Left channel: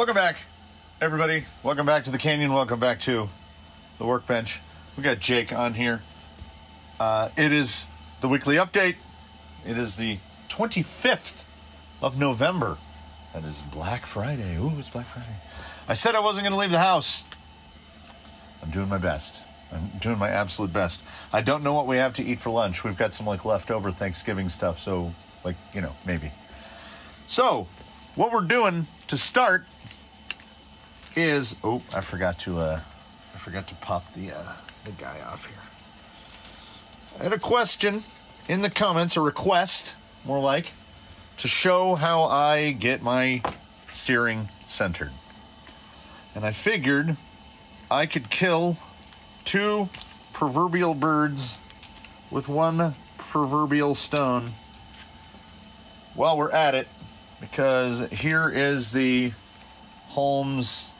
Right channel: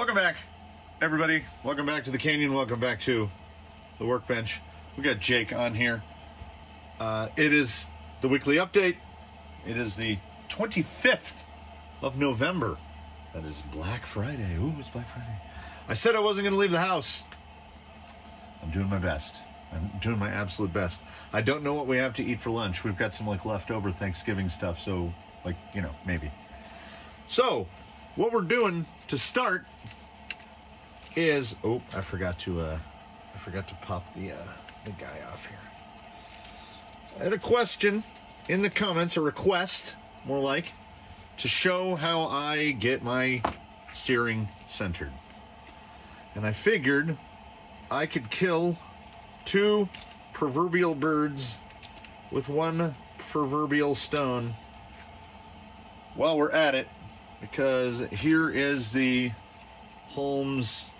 Welcome back, everybody. Welcome back to the Canyon. Welcome back to the Workbench. We got Jake on here. It is the weekly update. It is the 25th of November. That is Black Friday. Ooh, it's Black Friday. I said I wasn't going to leave the house. I'm doing my best. I'm doing my absolute best. I don't know what we have to eat for lunch. We've got some leftover Thanksgiving stuff, so maybe. So, what we're doing to start is I forgot to pop the guy off here. I had a question in the comments, a request, more like, to show how I get my steering centered. And I figured I could kill two proverbial birds with one proverbial stone while we're at it, because here is the Holmes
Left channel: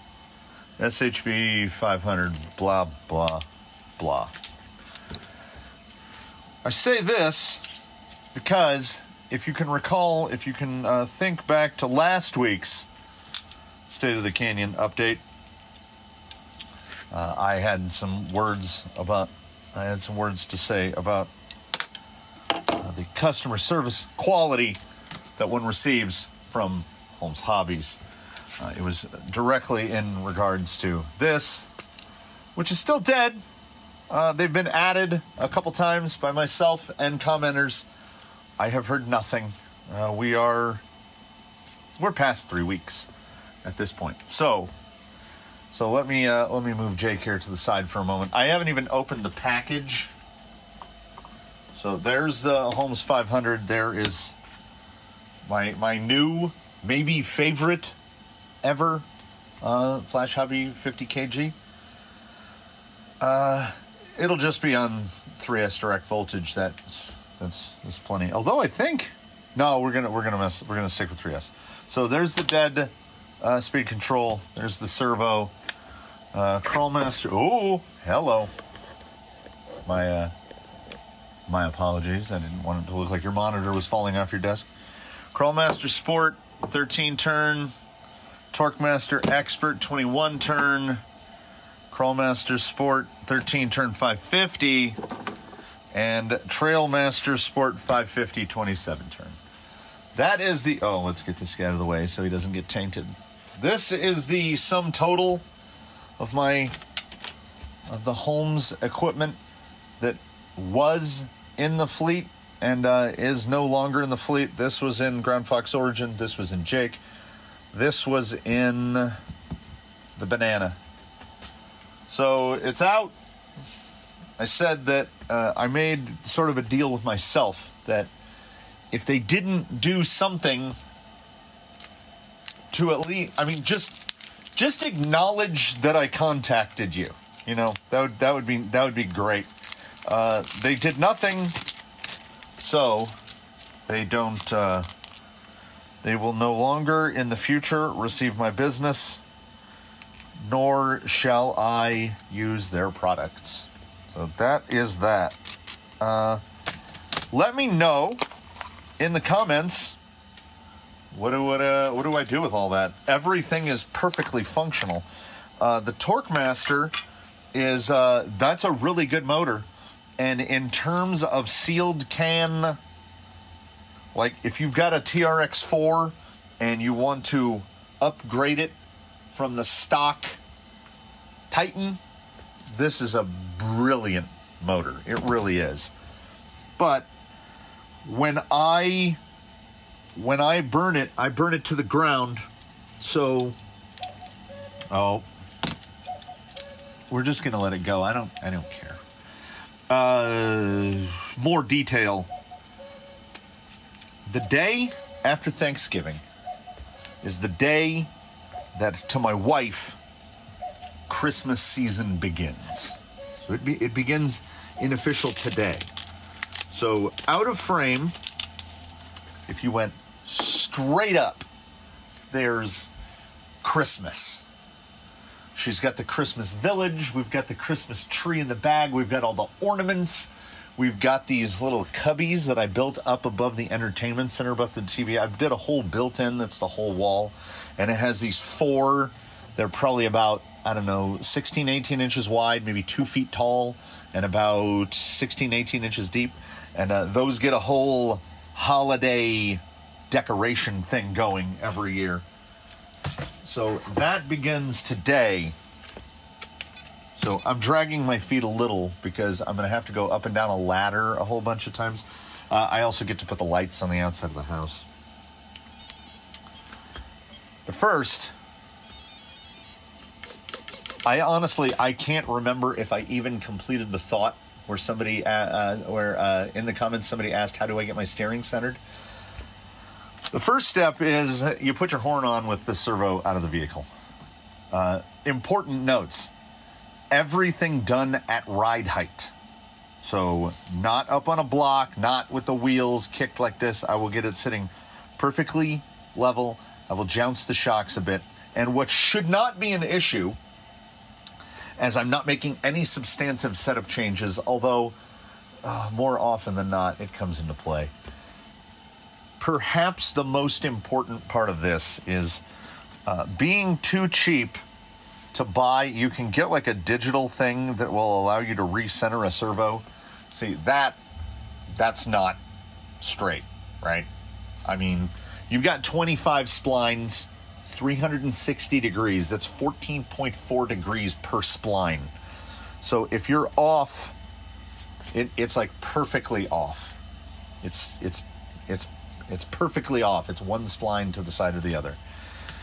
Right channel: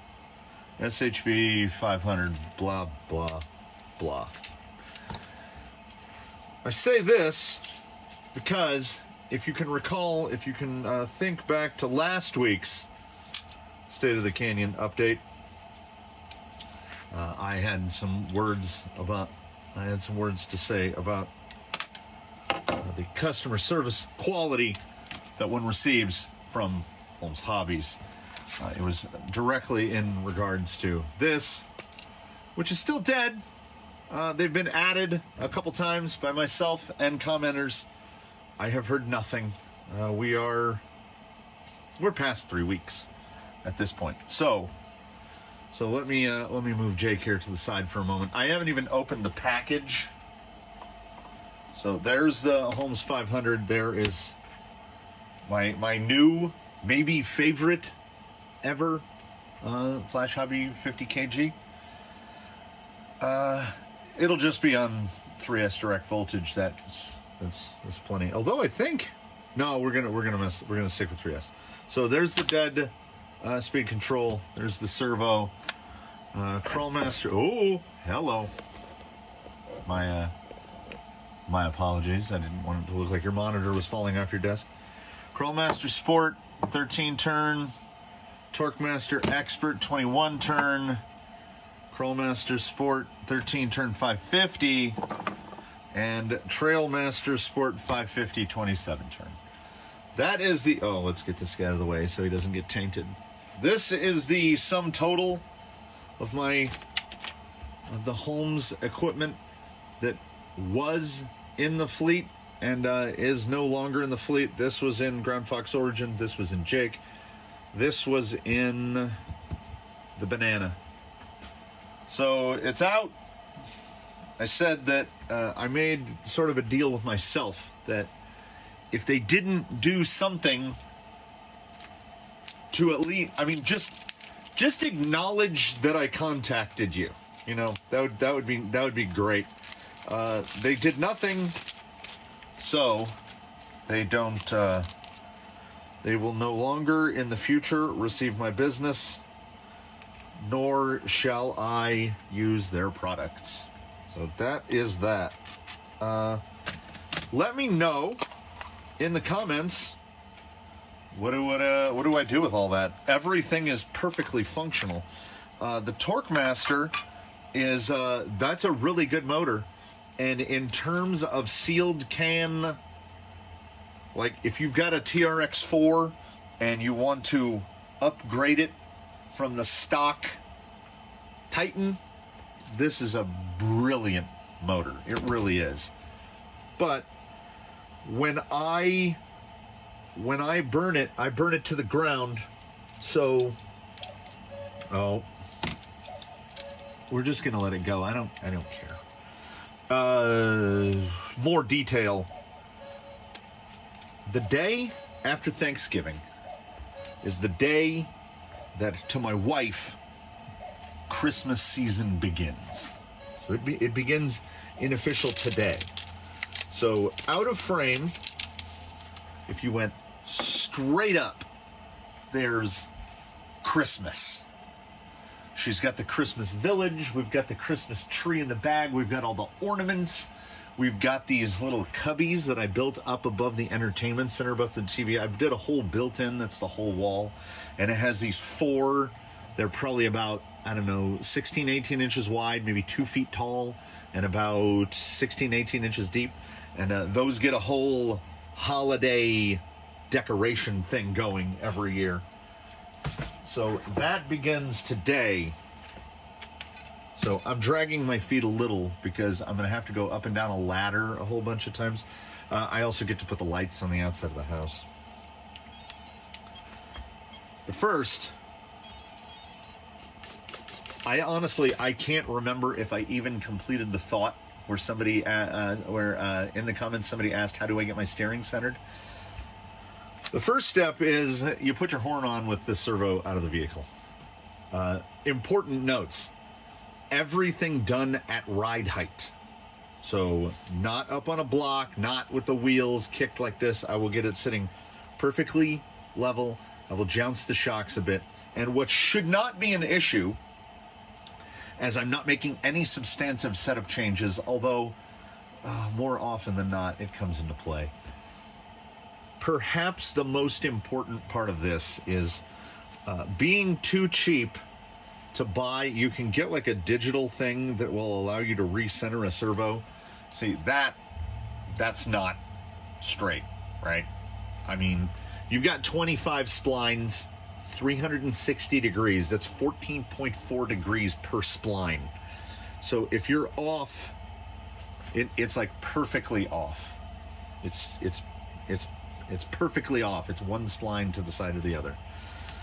SHV 500 blah blah blah. I say this because if you can recall, if you can think back to last week's State of the Canyon update, I had some words to say about the customer service quality that one receives from Holmes Hobbies. It was directly in regards to this, which is still dead. They've been added a couple times by myself and commenters. I have heard nothing. We're past 3 weeks at this point. So let me move Jake here to the side for a moment. I haven't even opened the package. So there's the Holmes 500. There is my new, maybe favorite ever Flash Hobby 50 kg. It'll just be on 3S direct voltage. That's plenty. Although I think we're gonna stick with 3S. So there's the dead speed control. There's the servo. Crawlmaster. Oh, hello. My apologies. I didn't want it to look like your monitor was falling off your desk. Crawlmaster Sport 13 turn. Torquemaster Expert 21 turn. Crawlmaster Sport 13 turn 550. And Trailmaster Sport 550 27 turn. That is the... let's get this guy out of the way so he doesn't get tainted. This is the sum total of the Holmes equipment that was in the fleet and is no longer in the fleet. This was in Ground Fox Origin. This was in Jake. This was in the Banana. So it's out. I said that I made sort of a deal with myself that if they didn't do something to at least, just acknowledge that I contacted you. You know, that would be great. They did nothing, so they don't. They will no longer in the future receive my business, nor shall I use their products. So that is that. Let me know in the comments. What do I do with all that? Everything is perfectly functional. The Torquemaster is that's a really good motor, and in terms of sealed can, like if you've got a TRX4 and you want to upgrade it from the stock Titan, this is a brilliant motor. It really is. But when I burn it, I burn it to the ground. So, we're just gonna let it go. I don't care. More detail. The day after Thanksgiving is the day that, to my wife, Christmas season begins. So it begins in official today. So out of frame, if you went straight up, there's Christmas. She's got the Christmas village. We've got the Christmas tree in the bag. We've got all the ornaments. We've got these little cubbies that I built up above the entertainment center, above the TV. I did a whole built-in, that's the whole wall. And it has these 4, they're probably about, I don't know, 16, 18 inches wide, maybe 2 feet tall, and about 16, 18 inches deep. And those get a whole holiday decoration thing going every year. So that begins today. So I'm dragging my feet a little because I'm going to have to go up and down a ladder a whole bunch of times. I also get to put the lights on the outside of the house. But first, I can't remember if I even completed the thought where somebody, in the comments somebody asked, how do I get my steering centered? The first step is you put your horn on with the servo out of the vehicle. Important notes. Everything done at ride height. So not up on a block, not with the wheels kicked like this. I will get it sitting perfectly level. I will jounce the shocks a bit. And what should not be an issue, as I'm not making any substantive setup changes, although more often than not, it comes into play. Perhaps the most important part of this is being too cheap to buy. You can get like a digital thing that will allow you to recenter a servo. See, that's not straight, right? I mean, you've got 25 splines, 360 degrees. That's 14.4 degrees per spline. So if you're off, it's like perfectly off. It's perfectly off. It's one spline to the side of the other.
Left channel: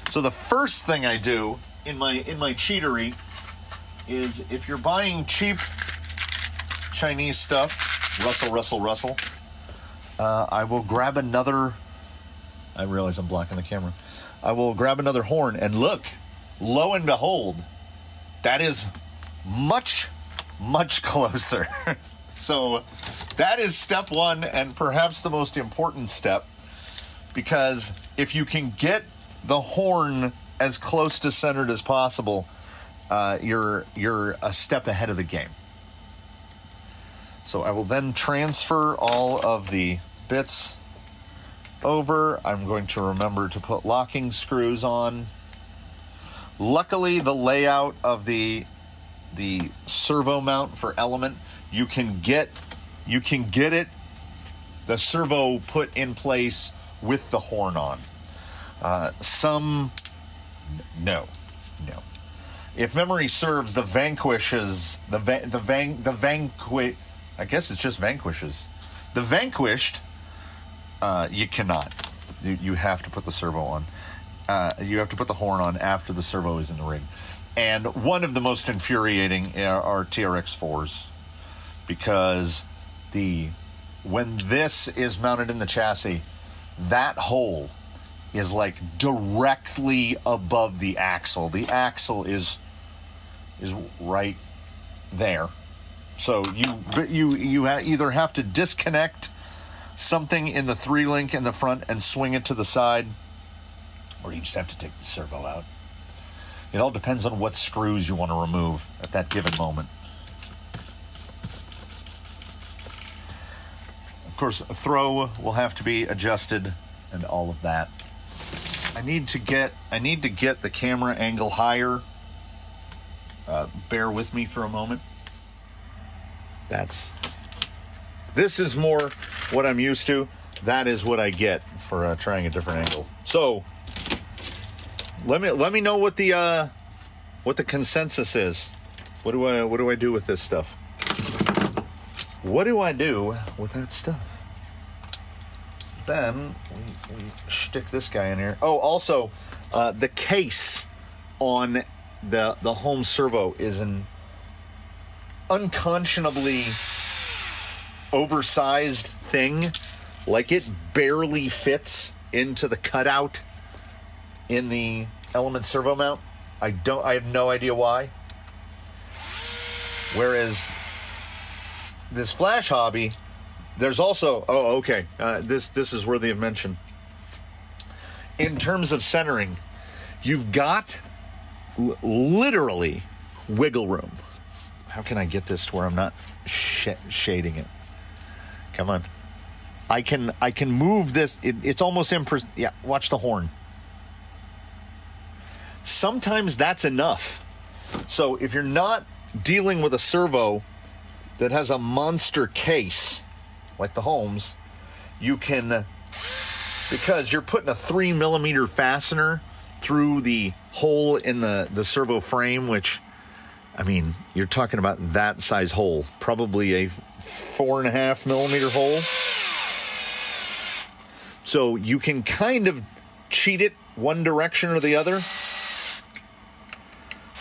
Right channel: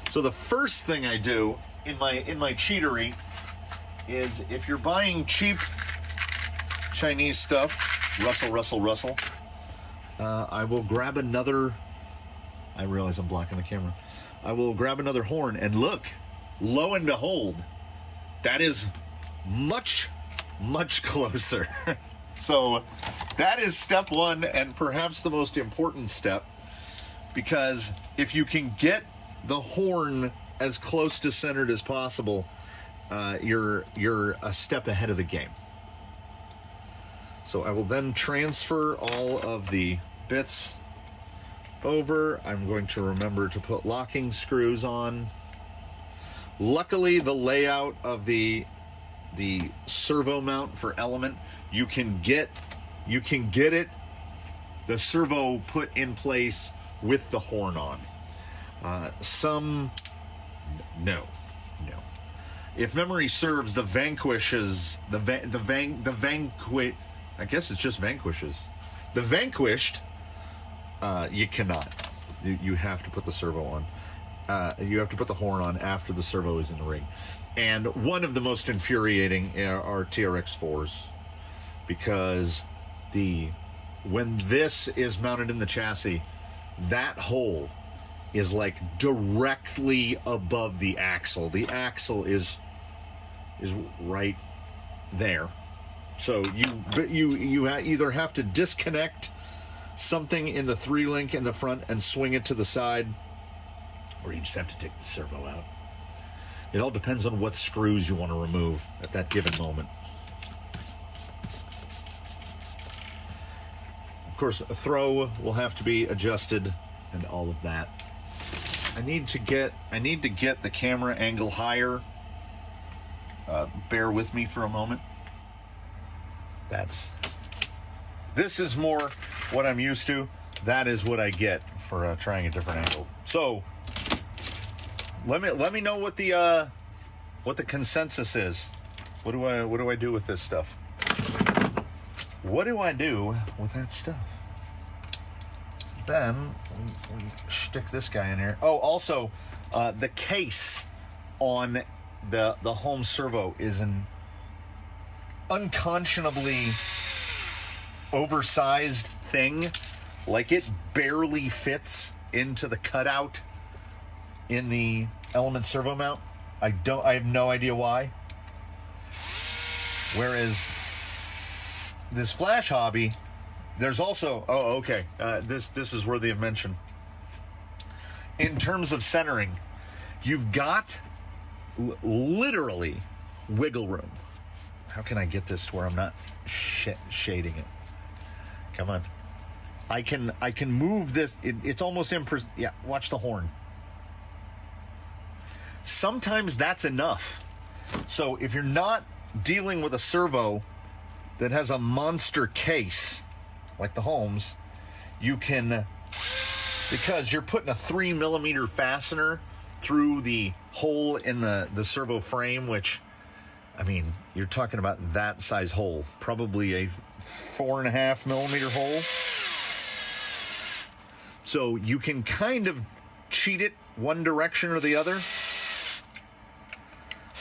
So the first thing I do in my cheatery is, if you're buying cheap Chinese stuff, Russell, I will grab another, I realize I'm blocking the camera. I will grab another horn, and look, lo and behold, that is much, much closer. So that is step one, and perhaps the most important step, because if you can get the horn as close to centered as possible, you're a step ahead of the game. So I will then transfer all of the bits over. I'm going to remember to put locking screws on. Luckily, the layout of the servo mount for Element, you can get it, the servo put in place with the horn on. Some, no. If memory serves, the Vanquishes, I guess it's just Vanquishes. The Vanquished, you cannot. You have to put the servo on. You have to put the horn on after the servo is in the rig. And one of the most infuriating are TRX4s, because when this is mounted in the chassis, that hole is like directly above the axle. The axle is right there. So you either have to disconnect something in the 3-link in the front and swing it to the side, or you just have to take the servo out. It all depends on what screws you want to remove at that given moment. Of course, a throw will have to be adjusted and all of that. I need to get the camera angle higher. Bear with me for a moment. This is more what I'm used to. That is what I get for trying a different angle. So let me know what the consensus is. What do I do with this stuff? What do I do with that stuff? Then we stick this guy in here. Oh, also, the case on the home servo is an unconscionably oversized thing. Like, it barely fits into the cutout in the Element servo mount. I have no idea why. Whereas this Flash Hobby, there's also, oh, okay, this is worthy of mention. In terms of centering, you've got literally wiggle room. How can I get this to where I'm not shading it? Come on. I can move this. It's almost yeah, watch the horn. Sometimes that's enough. So if you're not dealing with a servo that has a monster case, like the Holmes, you can, because you're putting a 3mm fastener through the hole in the servo frame, which, I mean, you're talking about that size hole, probably a 4.5mm hole. So you can kind of cheat it one direction or the other.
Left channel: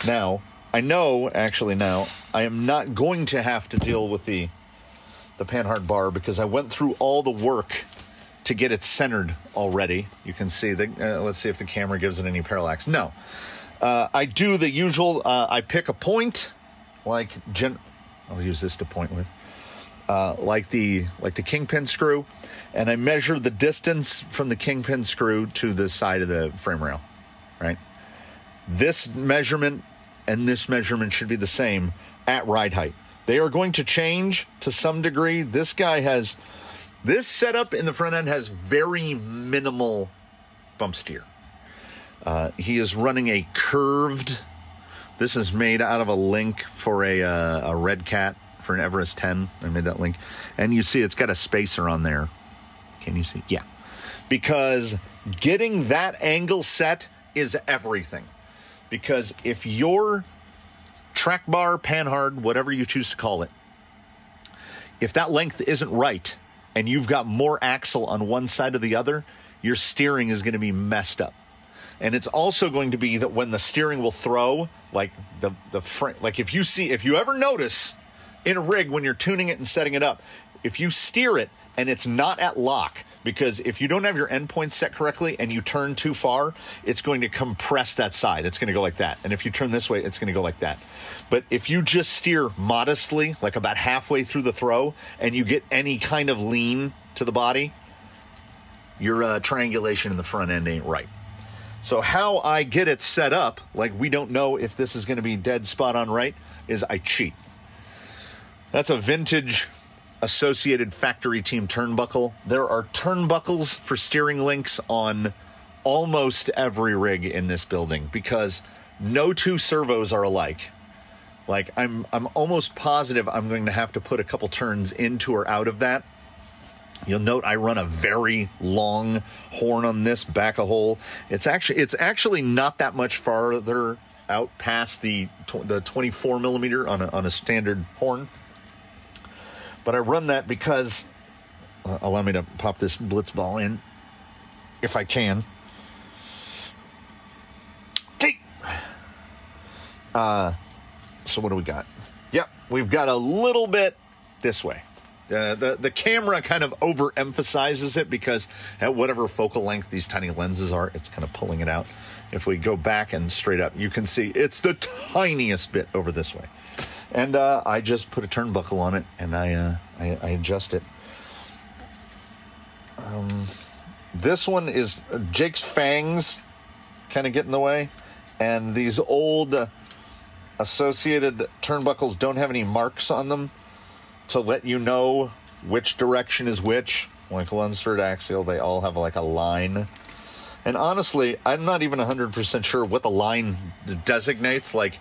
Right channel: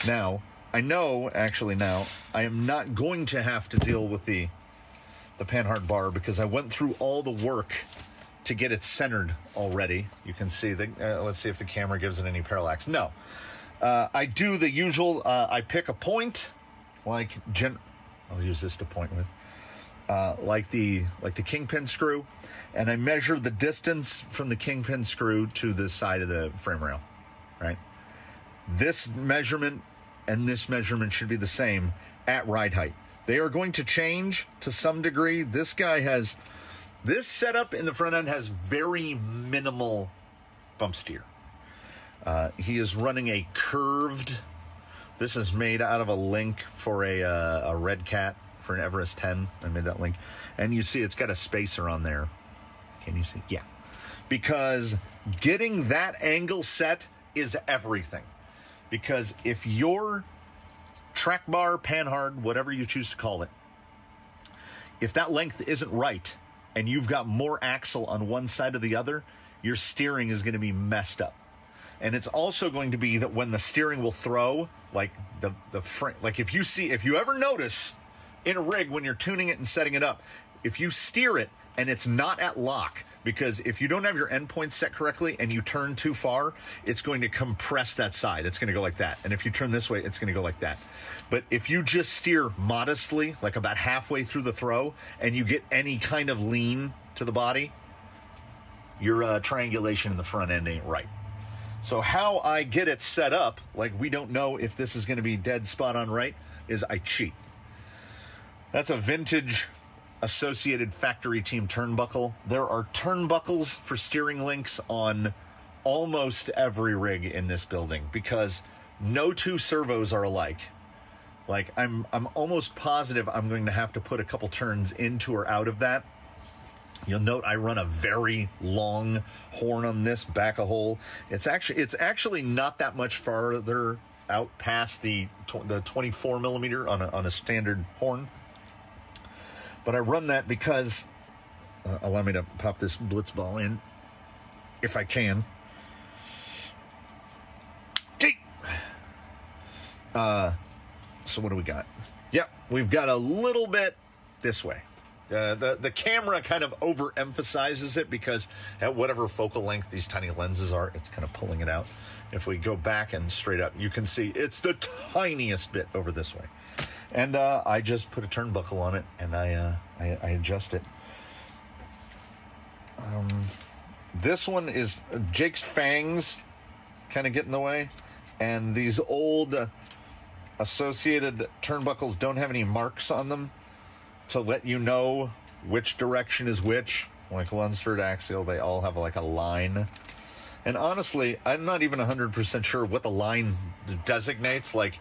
Now, I know, actually now, I am not going to have to deal with the Panhard bar because I went through all the work to get it centered already. You can see, let's see if the camera gives it any parallax. No. I do the usual, I pick a point, like, I'll use this to point with, like the kingpin screw, and I measure the distance from the kingpin screw to the side of the frame rail, right? This measurement and this measurement should be the same at ride height. They are going to change to some degree. This setup in the front end has very minimal bump steer. He is running a curved, this is made out of a link for a Red Cat for an Everest 10. I made that link. And you see it's got a spacer on there. Can you see? Yeah. Because getting that angle set is everything. Because if your track bar, Panhard, whatever you choose to call it, if that length isn't right and you've got more axle on one side or the other, your steering is going to be messed up. And it's also going to be that when the steering will throw, like the frame, like if you ever notice in a rig when you're tuning it and setting it up, if you steer it and it's not at lock, because if you don't have your endpoints set correctly and you turn too far, it's going to compress that side. It's going to go like that. And if you turn this way, it's going to go like that. But if you just steer modestly, like about halfway through the throw, and you get any kind of lean to the body, your triangulation in the front end ain't right. So how I get it set up, like we don't know if this is going to be dead spot on right, is I cheat. That's a vintage Associated factory team turnbuckle. There are turnbuckles for steering links on almost every rig in this building because no two servos are alike. Like I'm almost positive I'm going to have to put a couple turns into or out of that. You'll note I run a very long horn on this back a hole. It's actually not that much farther out past the 24mm on a standard horn. But I run that because, allow me to pop this blitz ball in, if I can. Take. So what do we got? Yep, we've got a little bit this way. The camera kind of overemphasizes it because at whatever focal length these tiny lenses are, it's kind of pulling it out. If we go back and straight up, you can see it's the tiniest bit over this way. And I just put a turnbuckle on it, and I adjust it. This one is Jake's fangs kind of get in the way, and these old Associated turnbuckles don't have any marks on them to let you know which direction is which. Like Lunsford Axial, they all have like a line. And honestly, I'm not even 100% sure what the line designates. Like,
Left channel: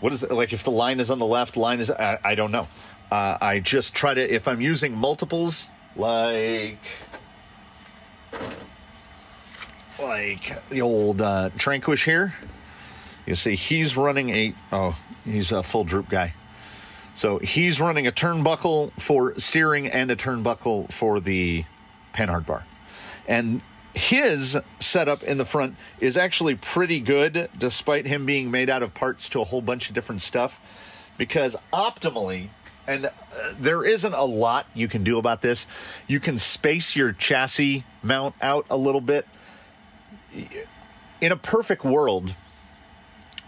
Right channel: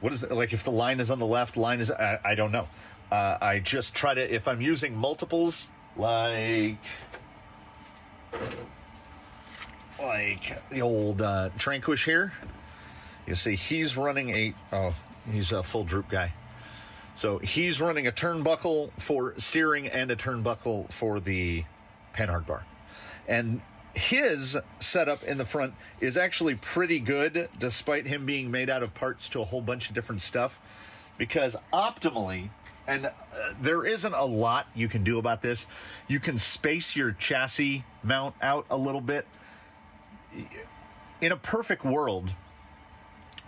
what is it? Like if the line is on the left, line is, I don't know. I just try to, if I'm using multiples, like the old Tranquish here, you see he's running he's a full droop guy. So he's running a turnbuckle for steering and a turnbuckle for the Panhard bar. And his setup in the front is actually pretty good, despite him being made out of parts to a whole bunch of different stuff, because optimally, and there isn't a lot you can do about this, you can space your chassis mount out a little bit. In a perfect world,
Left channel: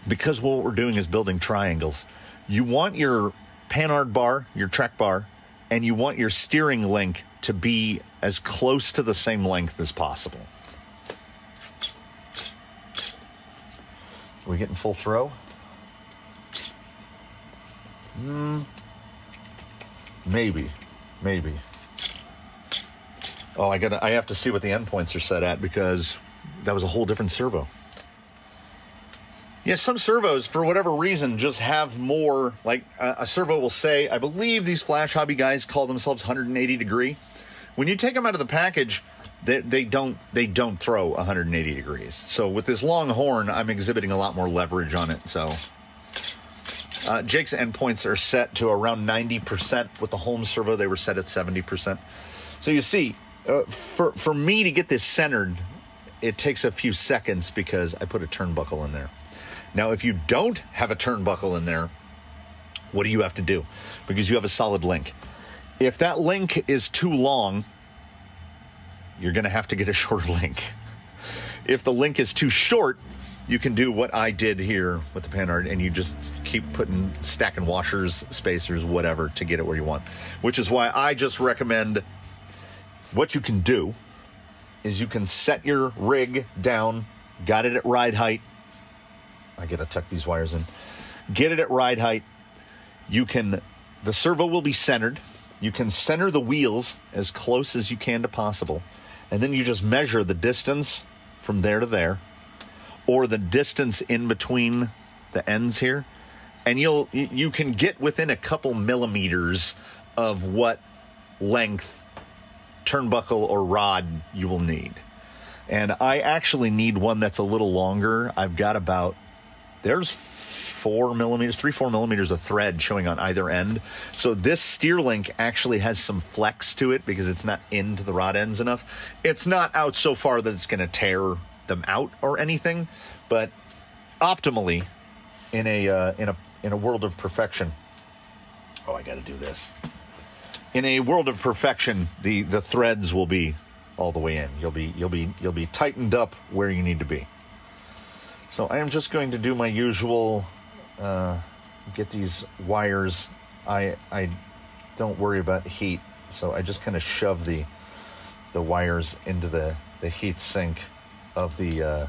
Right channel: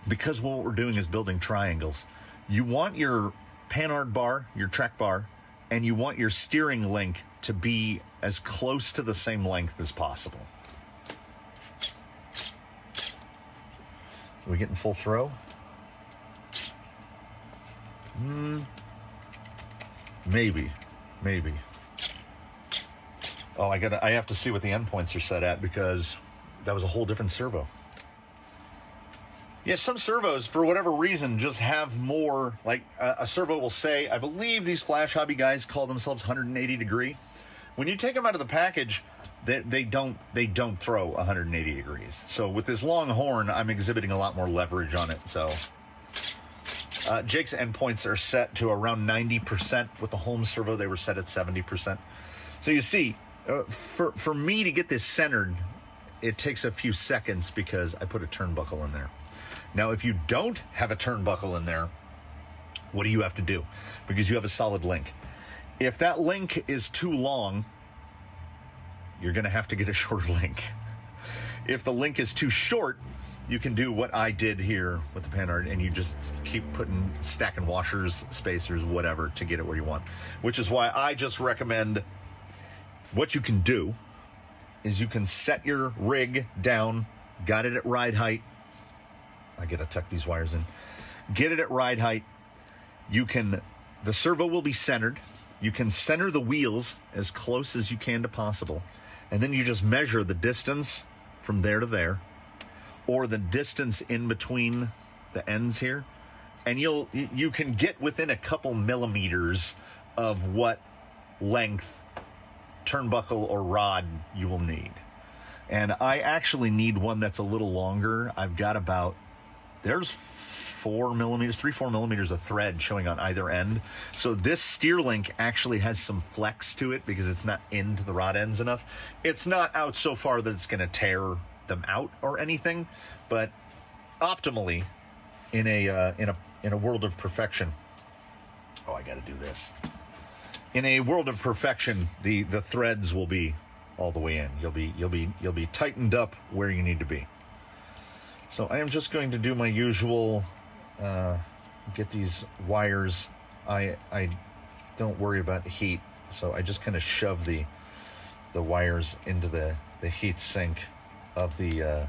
because what we're doing is building triangles, you want your Panhard bar, your track bar, and you want your steering link to be as close to the same length as possible. Are we getting full throw? Maybe. Oh, I have to see what the endpoints are set at because that was a whole different servo. Yeah, some servos, for whatever reason, just have more, like a servo will say, I believe these Flash Hobby guys call themselves 180 degree. When you take them out of the package, they don't throw 180 degrees. So with this long horn, I'm exhibiting a lot more leverage on it. So Jake's endpoints are set to around 90%. With the home servo, they were set at 70%. So you see, for me to get this centered, it takes a few seconds because I put a turnbuckle in there. Now, if you don't have a turnbuckle in there, what do you have to do? Because you have a solid link. If that link is too long, you're going to have to get a shorter link. If the link is too short, you can do what I did here with the Panhard, and you just keep stacking washers, spacers, whatever, to get it where you want. Which is why I just recommend, what you can do is you can set your rig down, got it at ride height. I got to tuck these wires in. Get it at ride height. The servo will be centered. You can center the wheels as close as you can to possible. And then you just measure the distance from there to there, or the distance in between the ends here. And you can get within a couple millimeters of what length turnbuckle or rod you will need. And I actually need one that's a little longer. I've got there's 3-4 millimeters of thread showing on either end. So this steer link actually has some flex to it because it's not into the rod ends enough. It's not out so far that it's going to tear them out or anything, but optimally, in a world of perfection. Oh, I got to do this. In a world of perfection, the threads will be all the way in. You'll be tightened up where you need to be. So I am just going to do my usual, get these wires. I don't worry about heat, so I just kind of shove the wires into the heat sink of the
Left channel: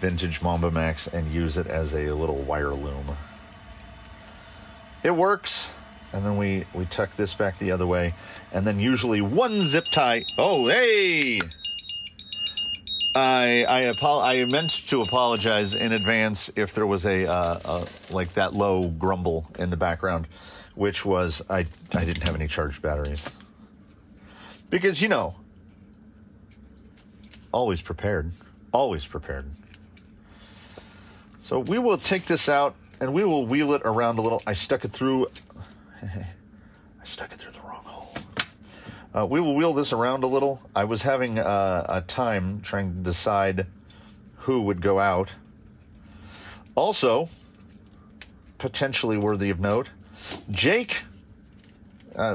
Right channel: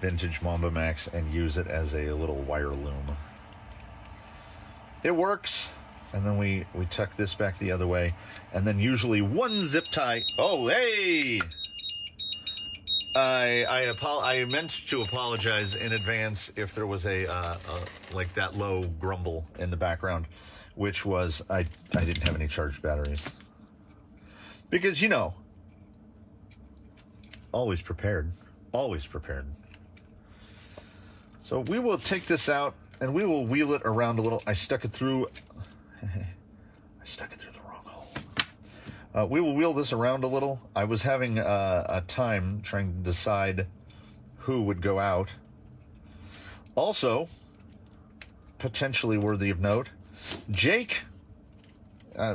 vintage Mamba Max and use it as a little wire loom. It works, and then we tuck this back the other way, and then usually one zip tie. Oh, hey! I meant to apologize in advance if there was a like that low grumble in the background, which was I didn't have any charged batteries. Because, always prepared. Always prepared. So we will take this out and we will wheel it around a little. I stuck it through the wrong hole. We will wheel this around a little. I was having a time trying to decide who would go out. Also, potentially worthy of note, Jake,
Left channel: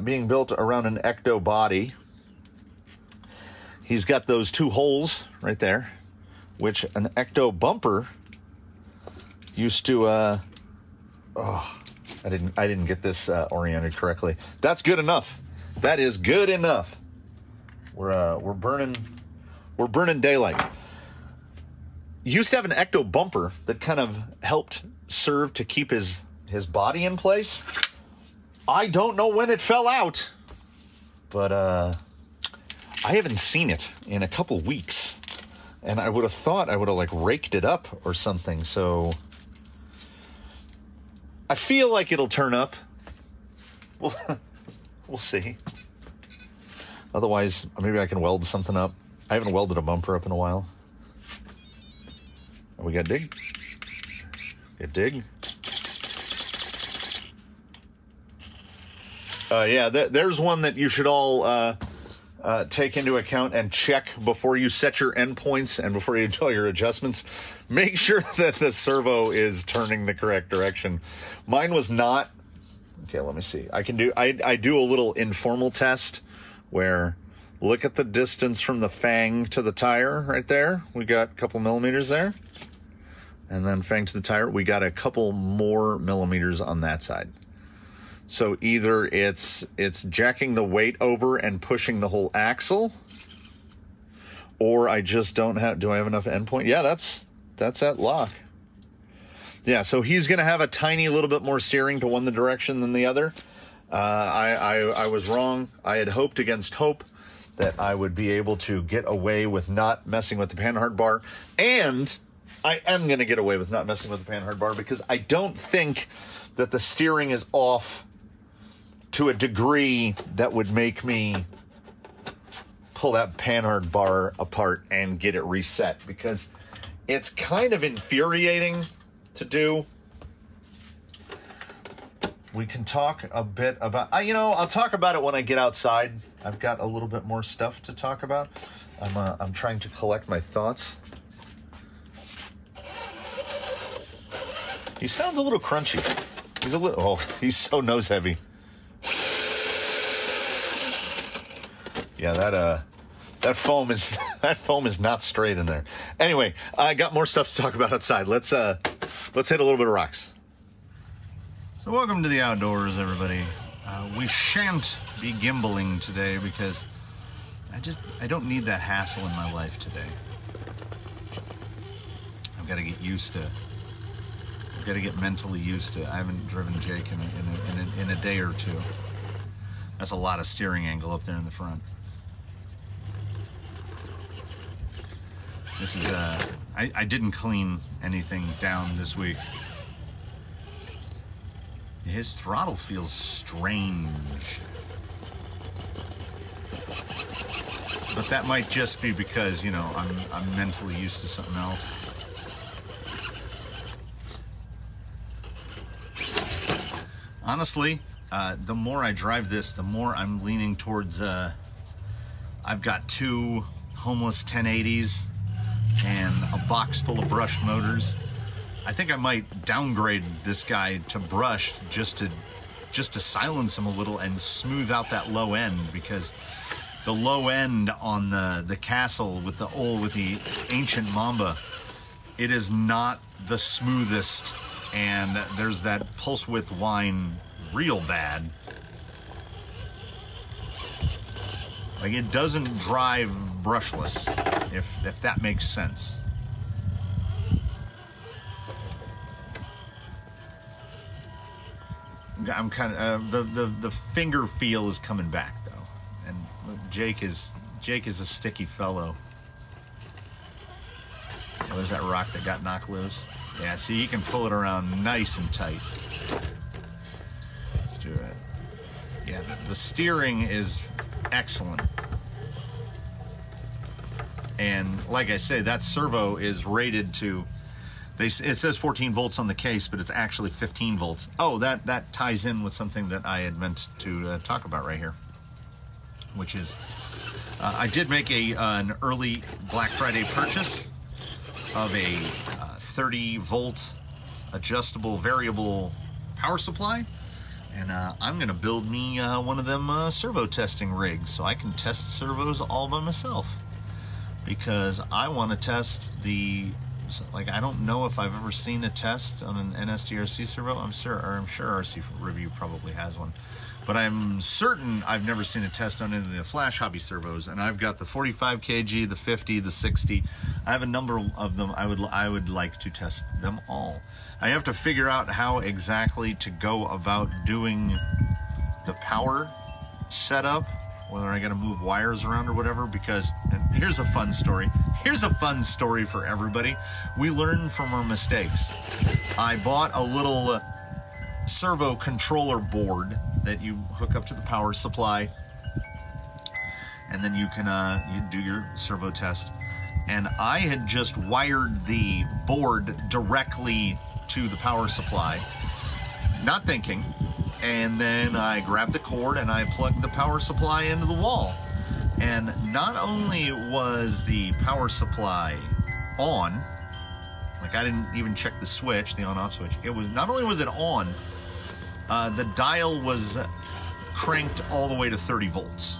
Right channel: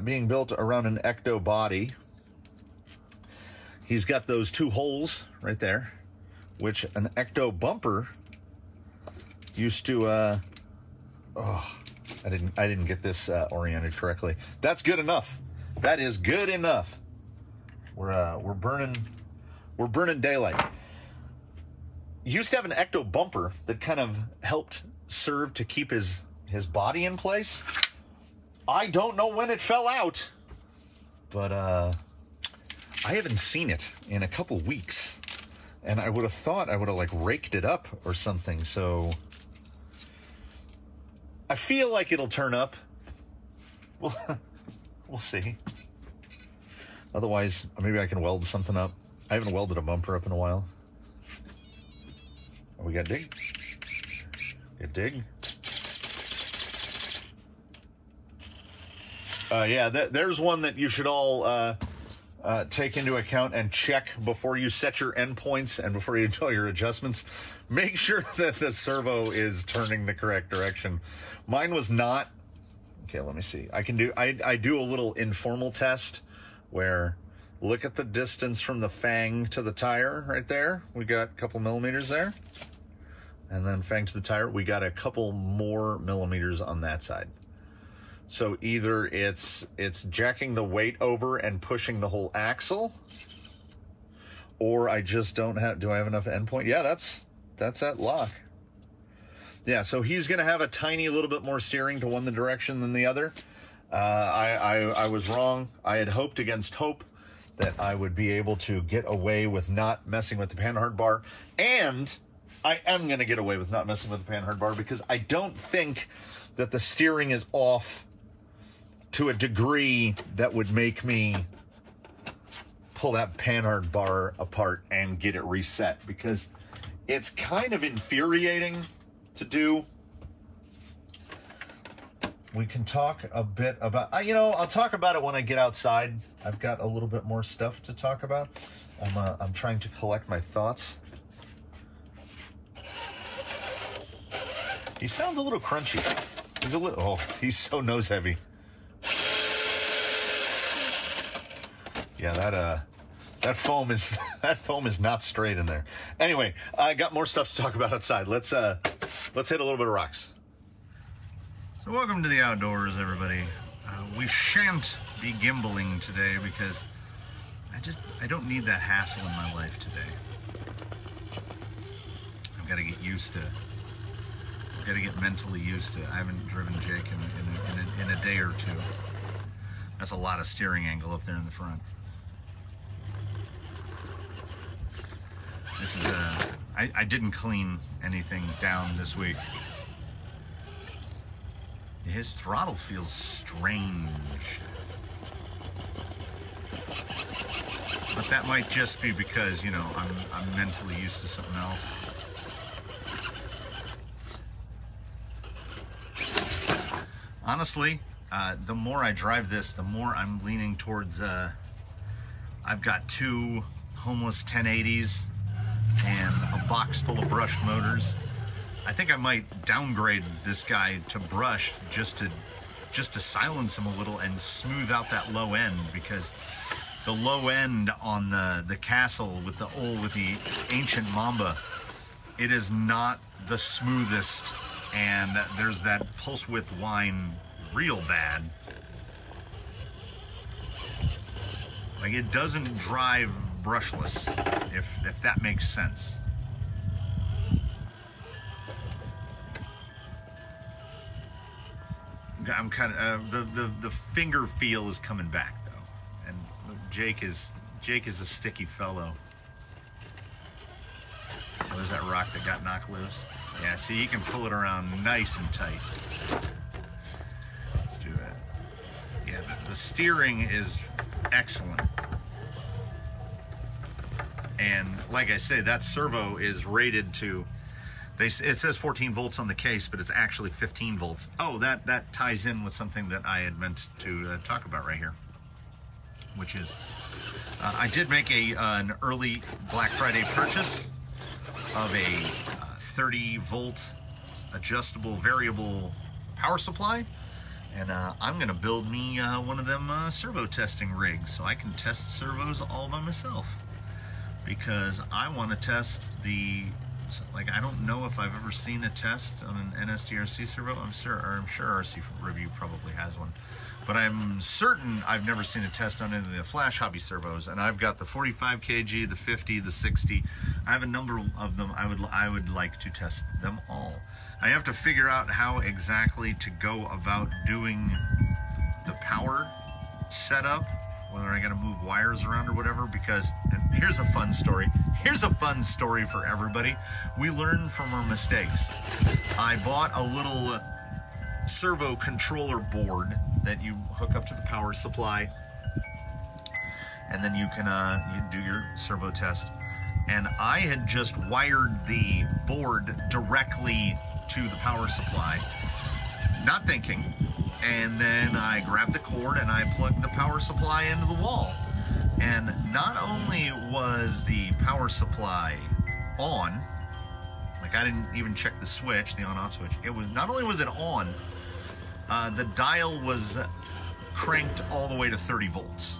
being built around an Ecto body, he's got those two holes right there, which an Ecto bumper used to, I didn't get this oriented correctly. That's good enough. That is good enough. We're burning daylight. Used to have an Ecto bumper that kind of helped serve to keep his body in place. I don't know when it fell out, but I haven't seen it in a couple weeks, and I would have thought I would have like raked it up or something. So I feel like it'll turn up. We'll see. Otherwise, maybe I can weld something up. I haven't welded a bumper up in a while. We got dig. Get dig. Yeah, there's one that you should all take into account and check before you set your endpoints and before you do all your adjustments. Make sure that the servo is turning the correct direction. Mine was not. Okay, let me see. I do a little informal test where look at the distance from the fang to the tire right there. We got a couple millimeters there. And then fang to the tire, we got a couple more millimeters on that side. So either it's jacking the weight over and pushing the whole axle, or I just don't have, do I have enough endpoint? Yeah, that's at lock. Yeah, so he's going to have a tiny little bit more steering to one direction than the other. I was wrong. I had hoped against hope that I would be able to get away with not messing with the Panhard bar, and I am going to get away with not messing with the Panhard bar because I don't think that the steering is off to a degree that would make me pull that Panhard bar apart and get it reset, because it's kind of infuriating to do. We can talk a bit about, I'll talk about it when I get outside. I've got a little bit more stuff to talk about. I'm trying to collect my thoughts. He sounds a little crunchy. He's so nose heavy. Yeah, that foam is not straight in there. Anyway, I got more stuff to talk about outside. Let's hit a little bit of rocks. So welcome to the outdoors, everybody. We shan't be gimbaling today because I don't need that hassle in my life today. I've got to get used to. I've got to get mentally used to. I haven't driven Jake in a day or two. That's a lot of steering angle up there in the front. This is I didn't clean anything down this week. His throttle feels strange. But that might just be because, I'm mentally used to something else. Honestly, the more I drive this, the more I'm leaning towards, I've got 2 Homeless 1080s and a box full of brushed motors. I think I might downgrade this guy to brush just to silence him a little and smooth out that low end, because the low end on the Castle with the ancient Mamba, it is not the smoothest, and there's that pulse width whine real bad. Like, it doesn't drive brushless, if that makes sense. I'm kind of the finger feel is coming back though, and Jake is a sticky fellow. What is that rock that got knocked loose? Yeah, see, he can pull it around nice and tight. Let's do it. Yeah, the steering is excellent. And like I say, that servo is rated to, it says 14 volts on the case, but it's actually 15 volts. Oh, that ties in with something that I had meant to talk about right here, which is, I did make an early Black Friday purchase of a 30 volt adjustable variable power supply. And I'm gonna build me one of them servo testing rigs so I can test servos all by myself. Because I want to test I don't know if I've ever seen a test on an NSDRC servo. I'm sure RC Review probably has one. But I'm certain I've never seen a test on any of the Flash Hobby servos. And I've got the 45 kg, the 50, the 60. I have a number of them. I would like to test them all. I have to figure out how exactly to go about doing the power setup, whether I got to move wires around or whatever, because, and here's a fun story. Here's a fun story for everybody. We learn from our mistakes. I bought a little servo controller board that you hook up to the power supply, and then you can you do your servo test. And I had just wired the board directly to the power supply, not thinking. And then I grabbed the cord and I plugged the power supply into the wall. And not only was the power supply on, like I didn't even check the switch, the on-off switch. It was, not only was it on, the dial was cranked all the way to 30 volts.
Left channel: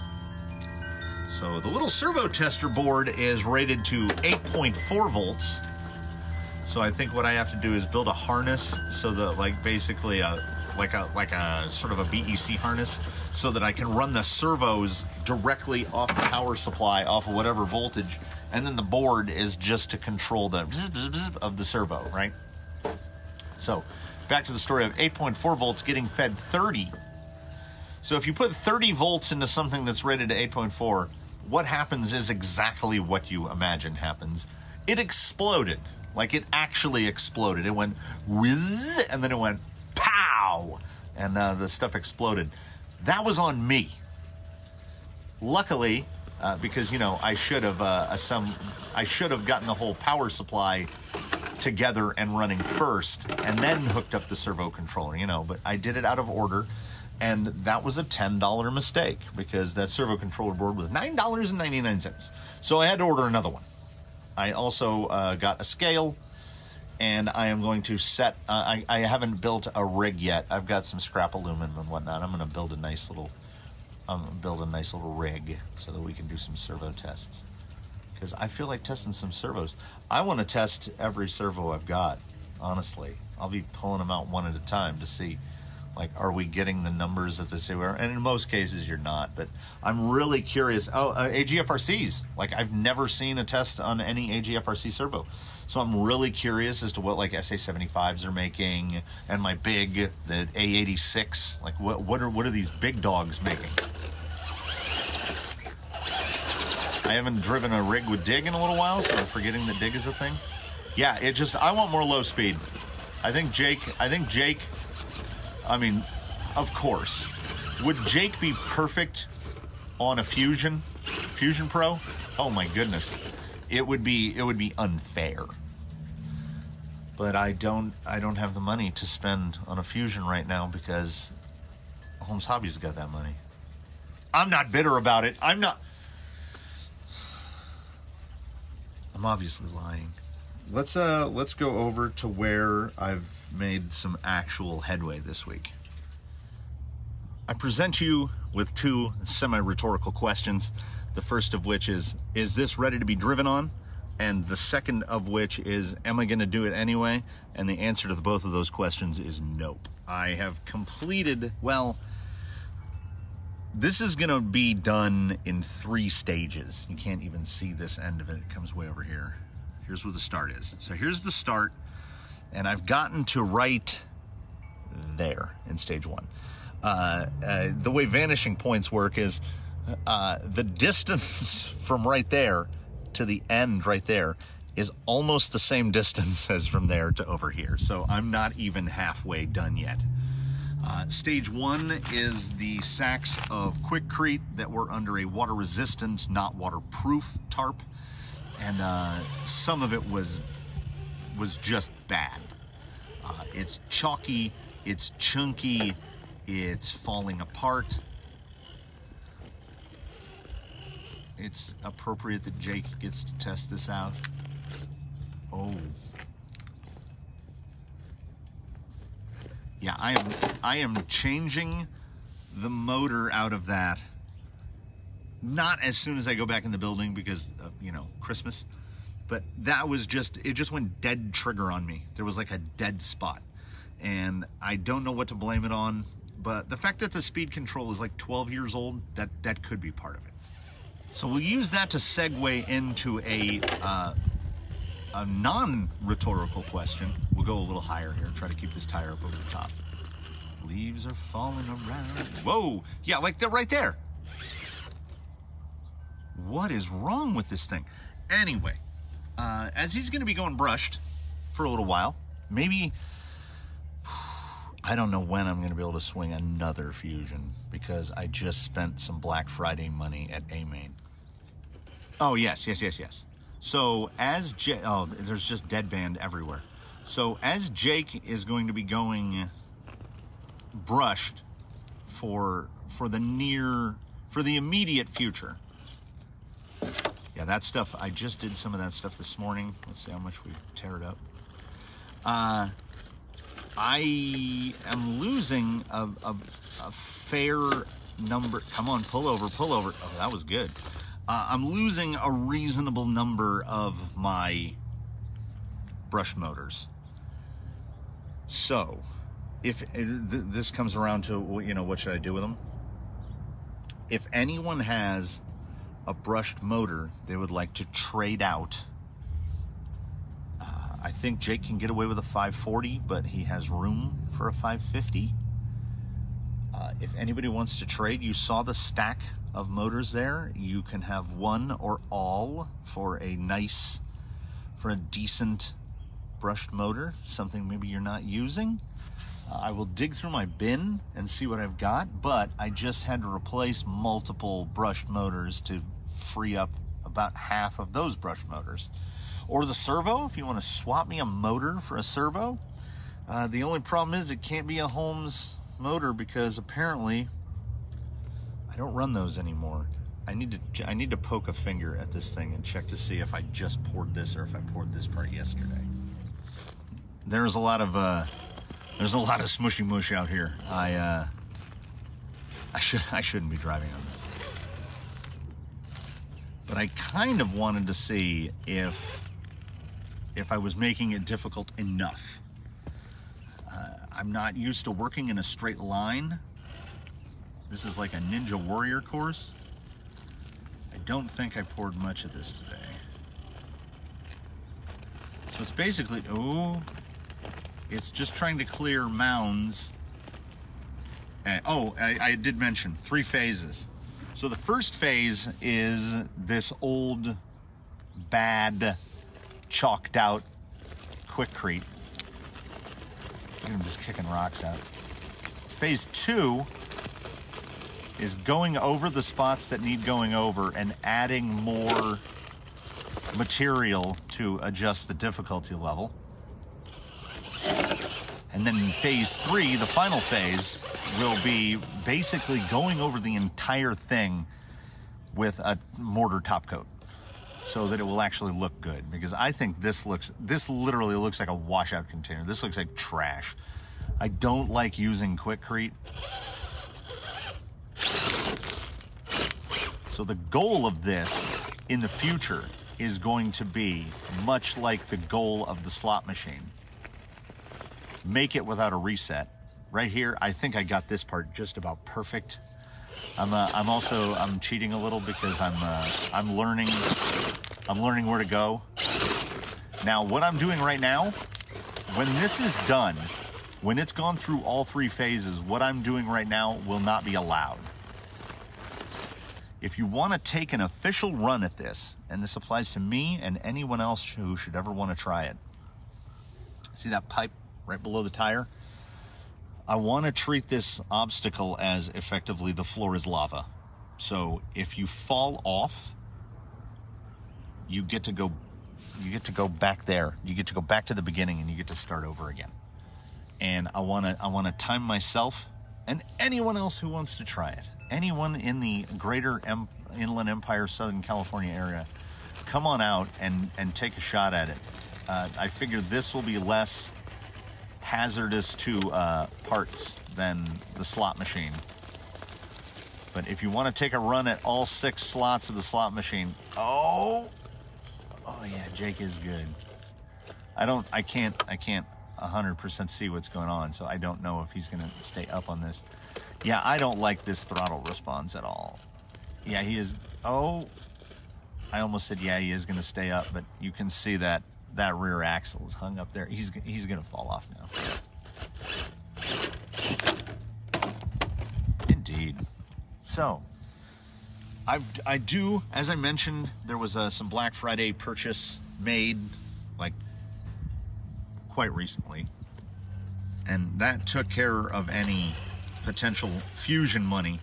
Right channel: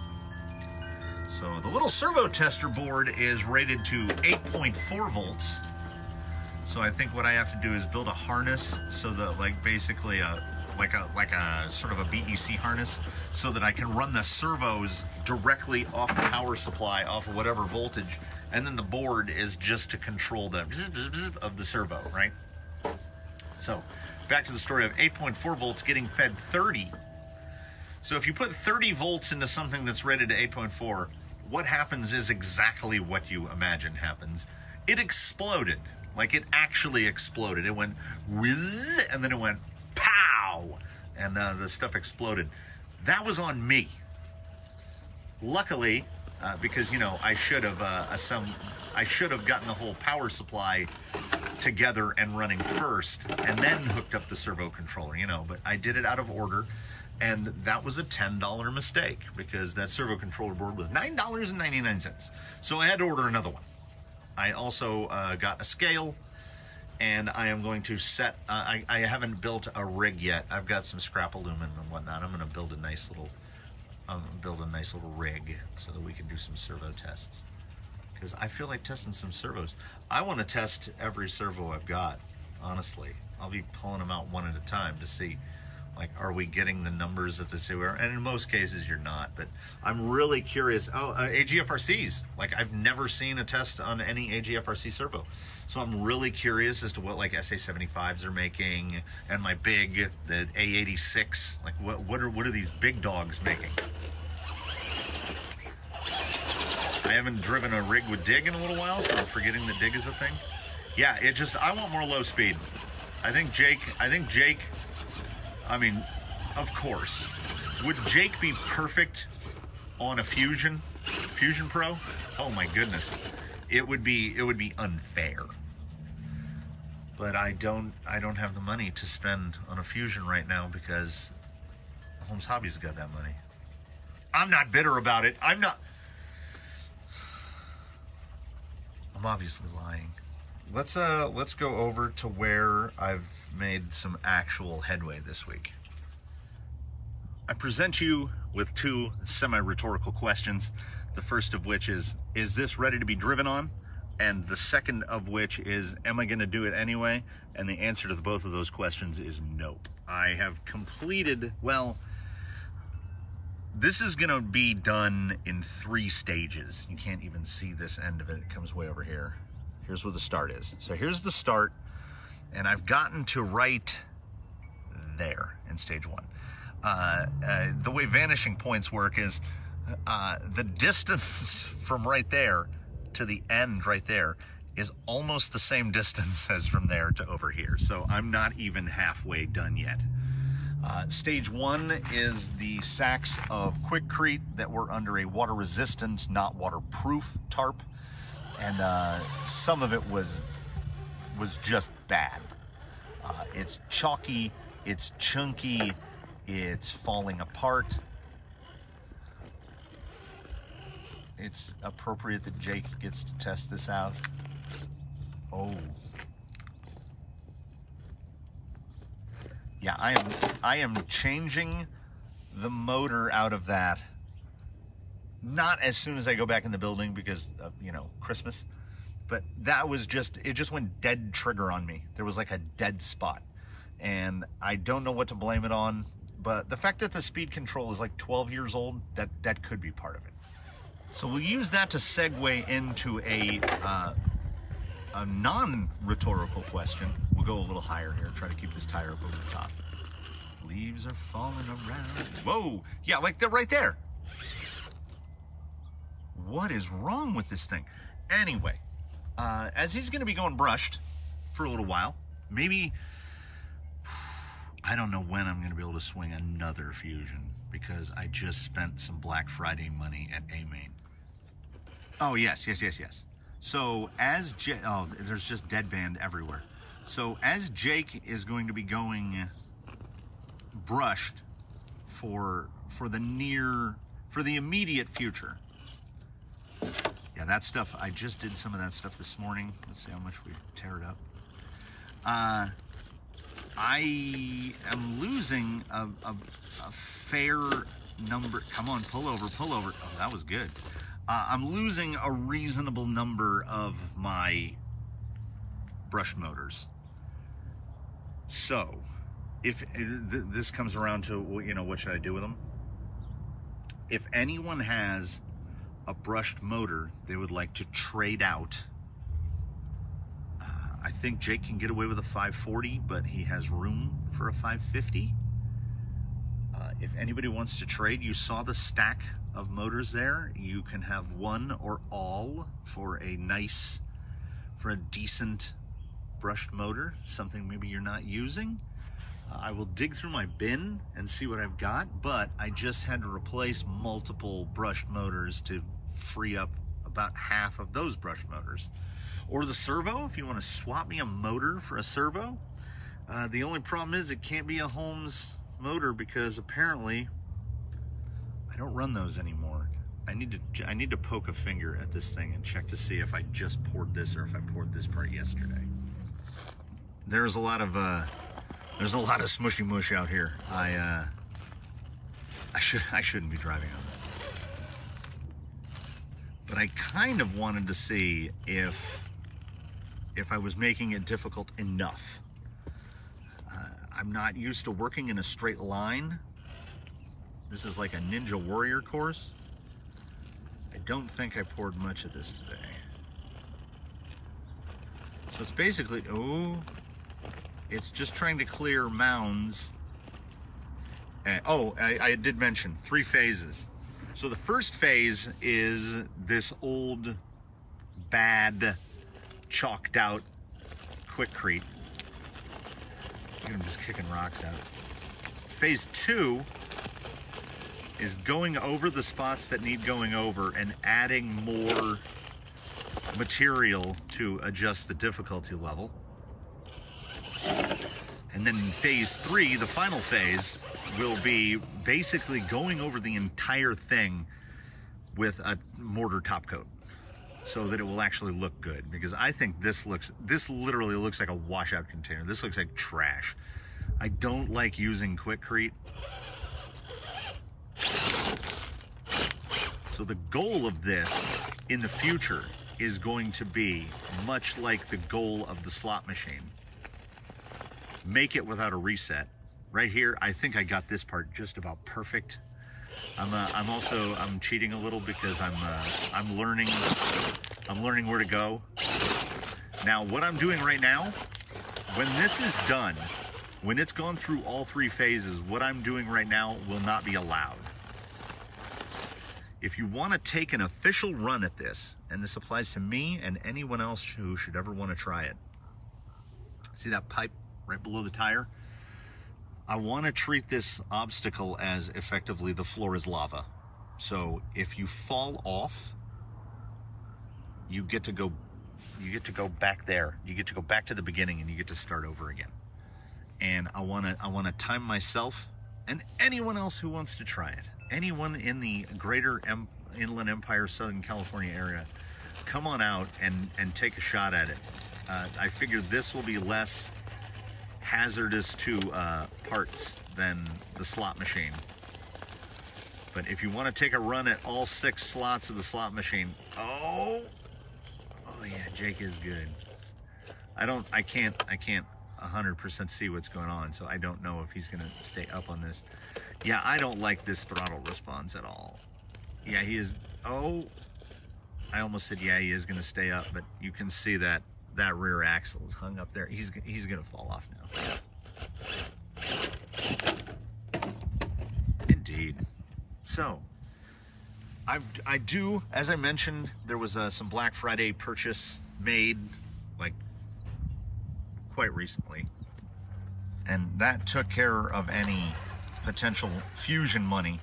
So the little servo tester board is rated to 8.4 volts. So I think what I have to do is build a harness so that, like, basically like a sort of a BEC harness, so that I can run the servos directly off the power supply, off of whatever voltage, and then the board is just to control the bzz, bzz, bzz of the servo, right? So back to the story of 8.4 volts getting fed 30. So if you put 30 volts into something that's rated to 8.4, what happens is exactly what you imagine happens. It exploded. Like, it actually exploded. It went whiz, and then it went pow, and the stuff exploded. That was on me. Luckily, because, you know, I should have gotten the whole power supply together and running first, and then hooked up the servo controller, you know, but I did it out of order, and that was a $10 mistake, because that servo controller board was $9.99. So I had to order another one. I also got a scale, and I am going to set, I haven't built a rig yet. I've got some scrap aluminum and whatnot. I'm going to build a nice little rig so that we can do some servo tests. Because I feel like testing some servos. I want to test every servo I've got, honestly. I'll be pulling them out one at a time to see, like, are we getting the numbers that they say we are? And in most cases, you're not. But I'm really curious. Oh, AGFRCs. Like, I've never seen a test on any AGFRC servo. So I'm really curious as to what, like, SA75s are making, and my big, the A86. Like, what are these big dogs making? I haven't driven a rig with dig in a little while, so I'm forgetting that dig is a thing. Yeah, it just, I want more low speed. I think Jake, I mean, of course. Would Jake be perfect on a Fusion Pro? Oh my goodness. It would be unfair. But I don't have the money to spend on a Fusion right now, because Holmes Hobby's got that money. I'm not bitter about it. I'm obviously lying. Let's go over to where I've made some actual headway this week. I present you with two semi-rhetorical questions. The first of which is this ready to be driven on? And the second of which is, am I going to do it anyway? And the answer to both of those questions is nope. I have completed, well, this is going to be done in 3 stages. You can't even see this end of it. It comes way over here. Here's where the start is. So here's the start, and I've gotten to right there in stage 1. The way vanishing points work is the distance from right there to the end right there is almost the same distance as from there to over here. So I'm not even halfway done yet. Stage 1 is the sacks of Quikrete that were under a water-resistant, not waterproof tarp, and some of it was just bad. It's chalky, it's chunky, it's falling apart. It's appropriate that Jake gets to test this out. Oh. Yeah, I am changing the motor out of that. Not as soon as I go back in the building because of, you know, Christmas. But that was just, it just went dead trigger on me. There was like a dead spot. And I don't know what to blame it on. But the fact that the speed control is like 12 years old, that could be part of it. So we'll use that to segue into a non-rhetorical question. We'll go a little higher here, try to keep this tire up over the top. Leaves are falling around. Whoa, yeah, like they're right there. What is wrong with this thing? Anyway, as he's gonna be going brushed for a little while, maybe, I don't know when I'm gonna be able to swing another Fusion, because I just spent some Black Friday money at A-Main. Oh, yes. So as oh, there's just deadband everywhere. So as Jake is going to be going brushed for the immediate future. Yeah, that stuff, I just did some of that stuff this morning. Let's see how much we tear it up. I am losing a fair number. Come on, pull over. Oh, that was good. I'm losing a reasonable number of my brush motors. So, if this comes around to, you know, what should I do with them? If anyone has a brushed motor they would like to trade out, I think Jake can get away with a 540, but he has room for a 550. If anybody wants to trade, you saw the stack of motors there. You can have one or all for a decent brushed motor, something maybe you're not using. I will dig through my bin and see what I've got, but I just had to replace multiple brushed motors to free up about half of those brushed motors. Or the servo, if you want to swap me a motor for a servo. The only problem is it can't be a Holmes motor because apparently I don't run those anymore. I need to poke a finger at this thing and check to see if I just poured this or if I poured this part yesterday. There's a lot of smushy mush out here. I shouldn't be driving on this, but I kind of wanted to see if I was making it difficult enough. I'm not used to working in a straight line. This is like a Ninja Warrior course. I don't think I poured much of this today. So it's basically, it's just trying to clear mounds. And, I did mention 3 phases. So the first phase is this old, bad, chalked out Quikrete. I'm just kicking rocks out. Phase 2 is going over the spots that need going over and adding more material to adjust the difficulty level. And then phase 3, the final phase, will be basically going over the entire thing with a mortar top coat so that it will actually look good. Because I think this literally looks like a washout container. This looks like trash. I don't like using Quikrete. So the goal of this in the future is going to be much like the goal of the slot machine. Make it without a reset. Right here, I think I got this part just about perfect. I'm cheating a little because I'm learning where to go. Now, what I'm doing right now, when this is done, when it's gone through all 3 phases, what I'm doing right now will not be allowed. If you want to take an official run at this, and this applies to me and anyone else who should ever want to try it. See that pipe right below the tire? I want to treat this obstacle as effectively the floor is lava. So if you fall off, you get to go back there. You get to go back to the beginning and you get to start over again. And I want to time myself and anyone else who wants to try it. Anyone in the greater Inland Empire, Southern California area, come on out and take a shot at it. I figure this will be less hazardous to parts than the slot machine. But if you want to take a run at all 6 slots of the slot machine, oh yeah, Jake is good. I can't 100% see what's going on, so I don't know if he's gonna stay up on this. Yeah, I don't like this throttle response at all. Yeah, he is. Oh, I almost said yeah, he is gonna stay up, but you can see that rear axle is hung up there. He's gonna fall off now. Indeed. So I do, as I mentioned, there was some Black Friday purchase made like quite recently, and that took care of any potential fusion money.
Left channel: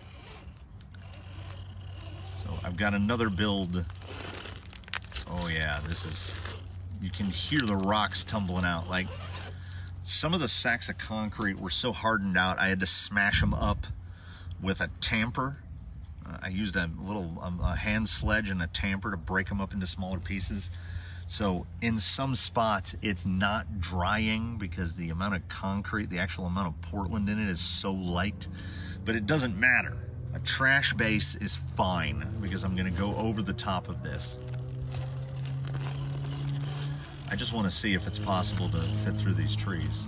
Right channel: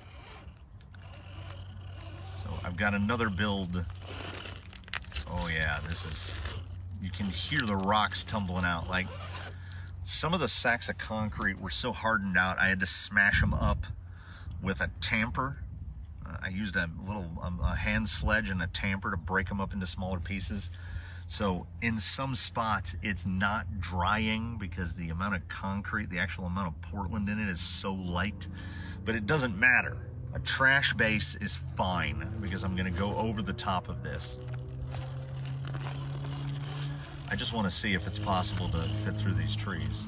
So I've got another build. Oh yeah, this is, you can hear the rocks tumbling out. Like, some of the sacks of concrete were so hardened out, I had to smash them up with a tamper. I used a little hand sledge and a tamper to break them up into smaller pieces. So in some spots, it's not drying because the amount of concrete, the actual amount of Portland in it is so light, but it doesn't matter. A trash base is fine because I'm gonna go over the top of this. I just wanna see if it's possible to fit through these trees.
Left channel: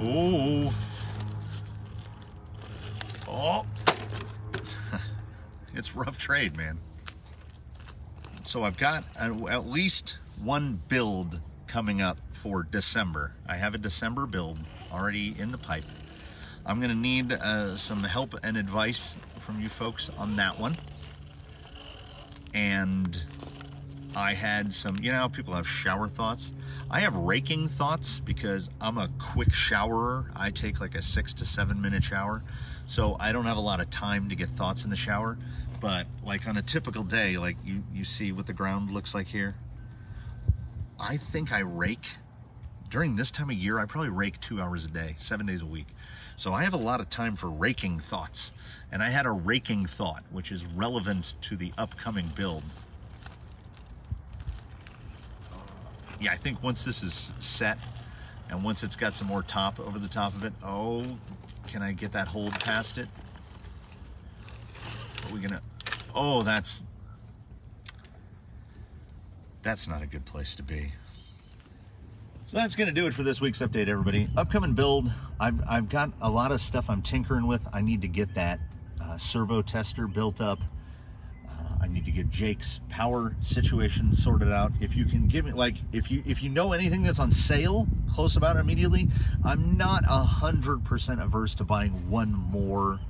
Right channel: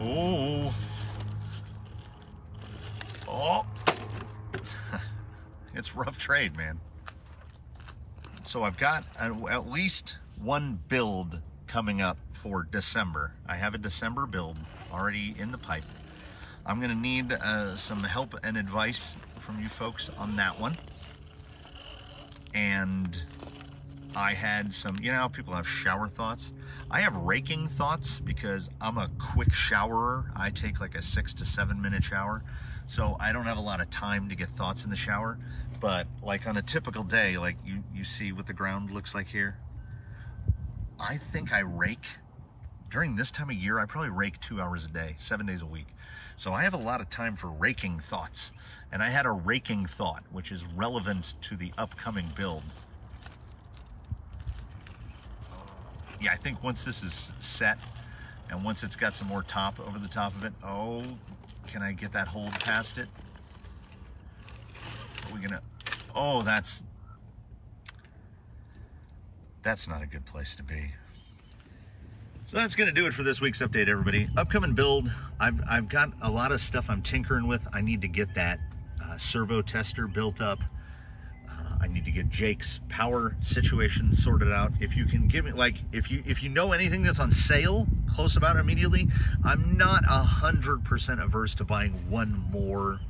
Oh. Oh. It's rough trade, man. So I've got at least one build coming up for December. I have a December build already in the pipe. I'm gonna need some help and advice from you folks on that one. And I had some, you know how people have shower thoughts? I have raking thoughts because I'm a quick showerer. I take like a 6 to 7 minute shower. So I don't have a lot of time to get thoughts in the shower. But like on a typical day, like you see what the ground looks like here. I think I rake, during this time of year, I probably rake 2 hours a day, 7 days a week. So I have a lot of time for raking thoughts. And I had a raking thought, which is relevant to the upcoming build. Yeah, I think once this is set and once it's got some more top over the top of it, oh, can I get that hold past it? Are we gonna, oh, that's not a good place to be. So that's gonna do it for this week's update, everybody. Upcoming build, I've got a lot of stuff I'm tinkering with. I need to get that servo tester built up. I need to get Jake's power situation sorted out. If you can give me, like, if you know anything that's on sale close about immediately, I'm not 100% averse to buying one more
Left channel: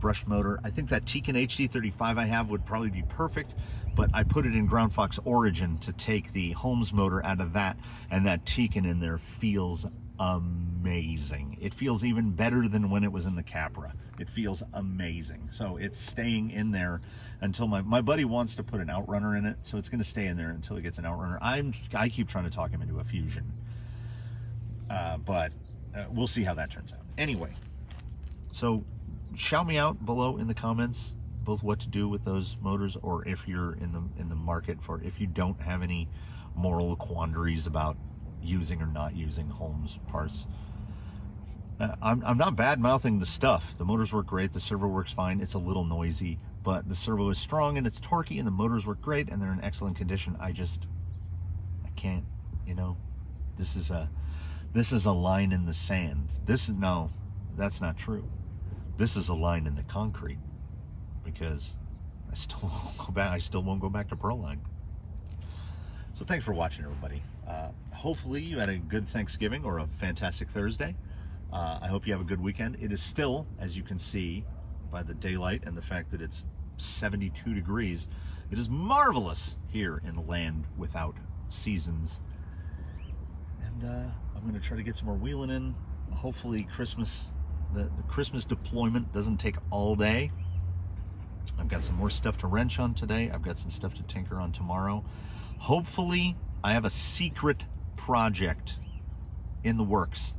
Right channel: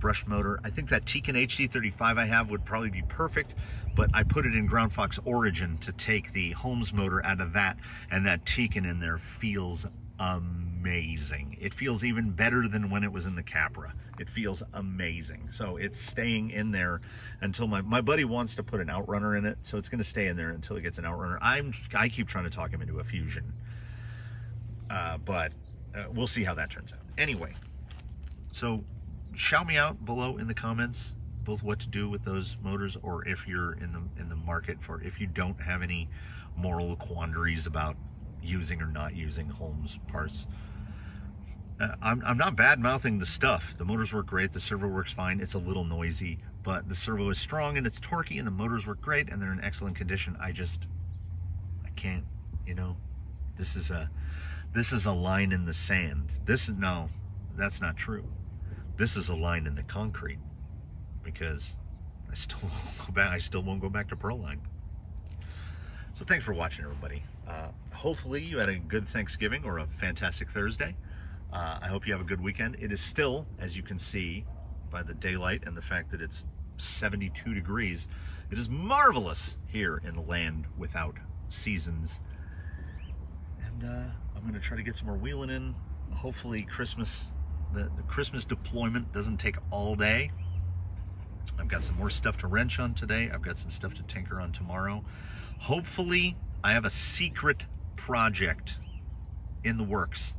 brush motor. I think that Tekin HD35 I have would probably be perfect, but I put it in Ground Fox Origin to take the Holmes motor out of that, and that Tekin in there feels amazing. It feels even better than when it was in the Capra. It feels amazing. So it's staying in there until my buddy wants to put an Outrunner in it, so it's going to stay in there until it gets an Outrunner. I keep trying to talk him into a Fusion, but we'll see how that turns out. Anyway, so shout me out below in the comments both what to do with those motors, or if you're in the market for, if you don't have any moral quandaries about using or not using Holmes parts. I'm not bad-mouthing the stuff. The motors work great, the servo works fine, it's a little noisy, but the servo is strong and it's torquey and the motors work great and they're in excellent condition. I can't, you know, this is a line in the sand. No, that's not true. This is a line in the concrete, because I still won't go back to Proline. So thanks for watching, everybody. Hopefully you had a good Thanksgiving or a fantastic Thursday. I hope you have a good weekend. It is still, as you can see by the daylight and the fact that it's 72 degrees, it is marvelous here in the land without seasons. And I'm going to try to get some more wheeling in. Hopefully Christmas, the Christmas deployment doesn't take all day. I've got some more stuff to wrench on today. I've got some stuff to tinker on tomorrow. Hopefully I have a secret project in the works.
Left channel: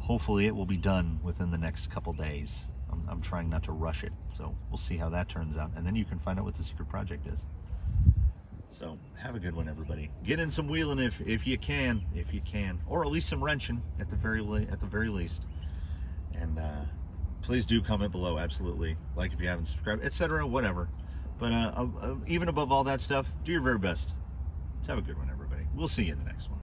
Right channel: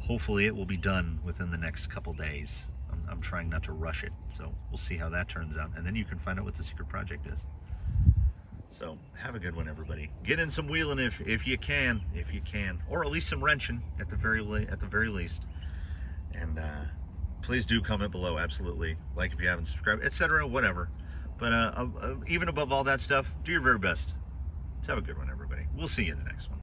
Hopefully it will be done within the next couple days. I'm trying not to rush it, so we'll see how that turns out, and then you can find out what the secret project is. So have a good one, everybody. Get in some wheeling if you can, or at least some wrenching at the very least. And please do comment below, absolutely. Like if you haven't subscribed, etc., whatever. But even above all that stuff, do your very best. Have a good one, everybody. We'll see you in the next one.